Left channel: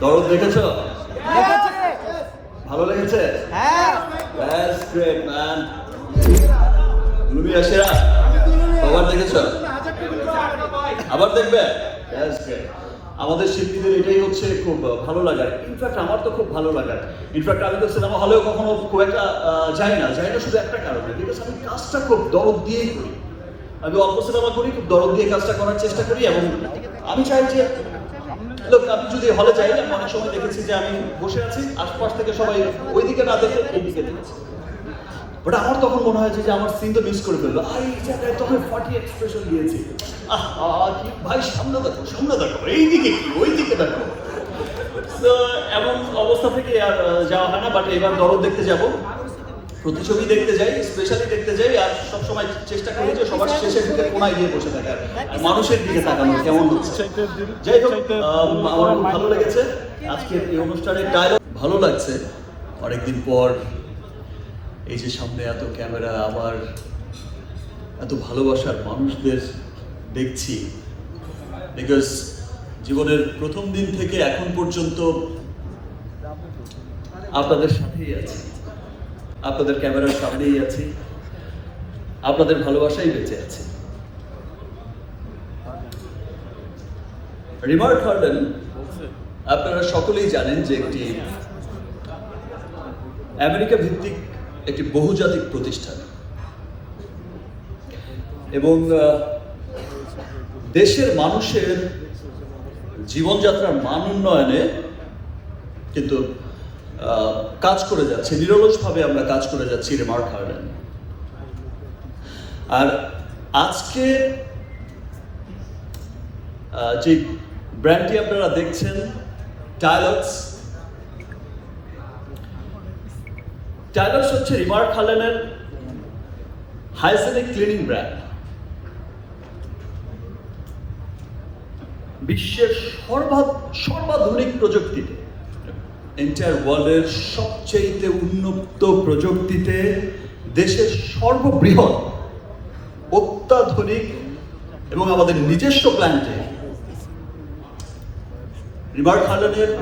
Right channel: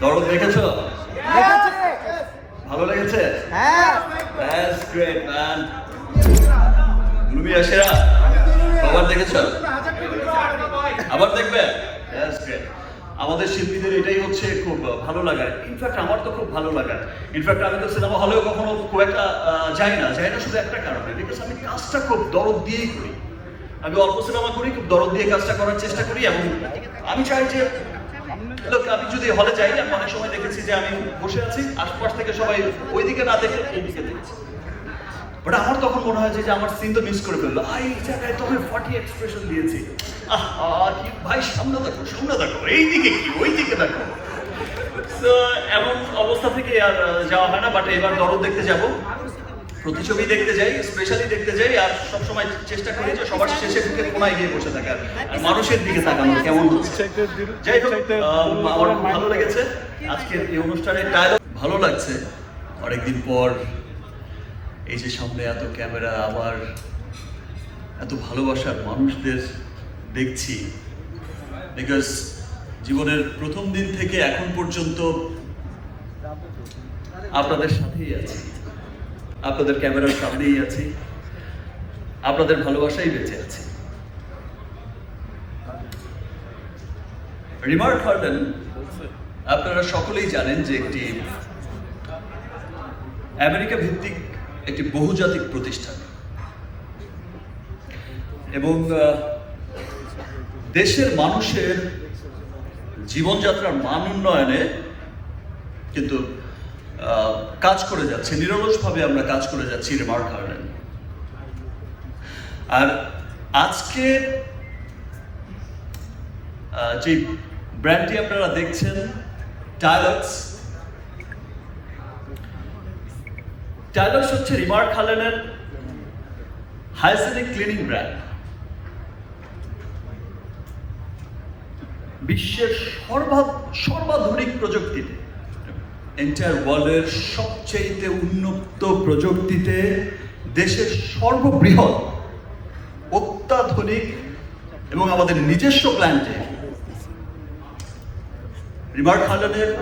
দরদ দেখেছ ভালো লেগেছে? That's great, man. আবার দেখেছ? আবার দেখবে? That's great. আমাদের শিল্পীদের এটাই হচ্ছে খুব ভালো লাগে। ইনফ্যাক্ট আমার তো খুব ভালো লাগে। ইনফ্যাক্ট আমি তো সিনেমা হলেও কখনো খুব একটা যাই না। যাই না শুধু একটা কারণে বিকজ আমি কাজটা খুব দরদ দিয়েই করি। আমি অল্প সিনেমা করি খুব দরদ দিয়ে কাজটা করার চেষ্টা করি এবং আমি চাই যে লোক আমি যদি হলে যাই আমি অনেক সময় দেখেছি যে আমি বসে আছি আশপাশ থেকে সবাই ওইদিকে না দেখে এইদিকে দেখেছে। ওটা আমার তখন মনে হয় যে আমার সিন তো মিস করে ফেলল। আই জায়গায় তোকে ফাটি এক্সপ্রেশন দিয়েছি। আহ, ভাই সামনে দেখো সামনে দেখো এইদিকে কি ওইদিকে দেখো। এমন অবস্থা থেকে আর যাওয়া হয় না বাট এবার দরদ দেখতে যাব। প্রতিছবি দেখতে যাই স্পেশালি দেখতে যাই, আর সবসময় চেষ্টা করি যে সবার শেষে ঢুকে কোনায় গিয়ে বসে থাকার। মানুষের দিকে তাকানো কেমন হচ্ছে? যাই হোক আমার খুব ভালো লেগেছে। আজকের এই অনুষ্ঠানের ডায়লগ ভালো লাগছে। অনেকদিন পর এই যে সামনে এত ক্যামেরা, আবার এত ভালোবাসার মানুষদের দেখছি। বিকজ জীবনের প্রথম দিন থেকে এখন পর্যন্ত আপনাদের সাথেই আছি। আপনাদের ক্যামেরার সামনেই আছি। আপনাদের ভালোবাসাই বেঁচে আছে। রিমার গার্ডেন আপনারা সকলেই জানেন যে একটি আমেরিকা ভিত্তিক একটি বহুজাতিক প্রতিষ্ঠান। এবং দেশের মানুষের জীবনযাত্রার মান উন্নয়নে কিন্তু কাজ করে যাচ্ছে, নিরলসভাবে আমরা কাজ করে যাচ্ছি রিমার্ক গার্ডেন আর আজকে যে ব্র্যান্ডটি আপনারা দেখছেন টাইলস টাইলার্স হচ্ছে রিমার্ক হালেনের হাইজেনিক ক্লিনিং ব্র্যান্ড বিশ্বের সর্বা সর্বাধুনিক প্রযুক্তিতে। এন্টায়ার ওয়ার্ল্ডের সবচেয়ে উন্নত প্রযুক্তিতে দেশের সর্ববৃহৎ অত্যাধুনিক এবং আমাদের নিজস্ব প্ল্যান্টে রিভার হালেনের